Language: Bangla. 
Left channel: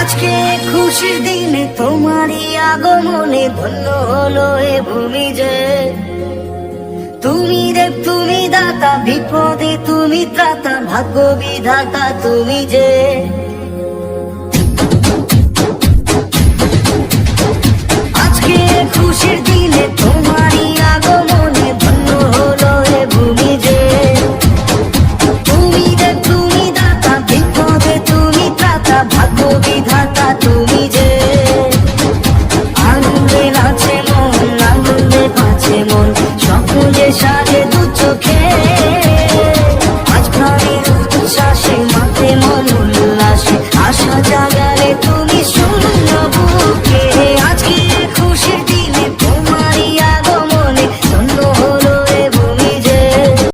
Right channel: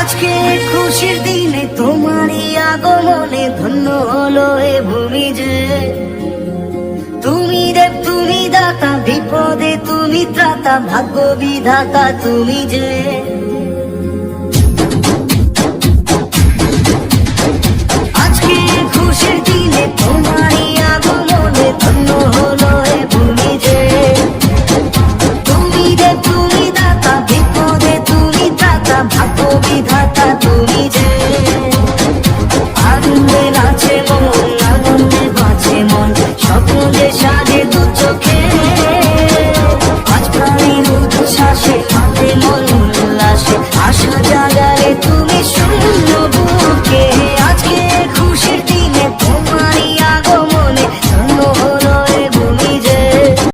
আজকে খুশির দিনে তোমারই আগমনে ধন্য হলো এ ভূমি যে। তুমি দেব তুমি দাতা, বিপদে তুমি ত্রাতা, ভাগ্য বিধাতা তুমি যে।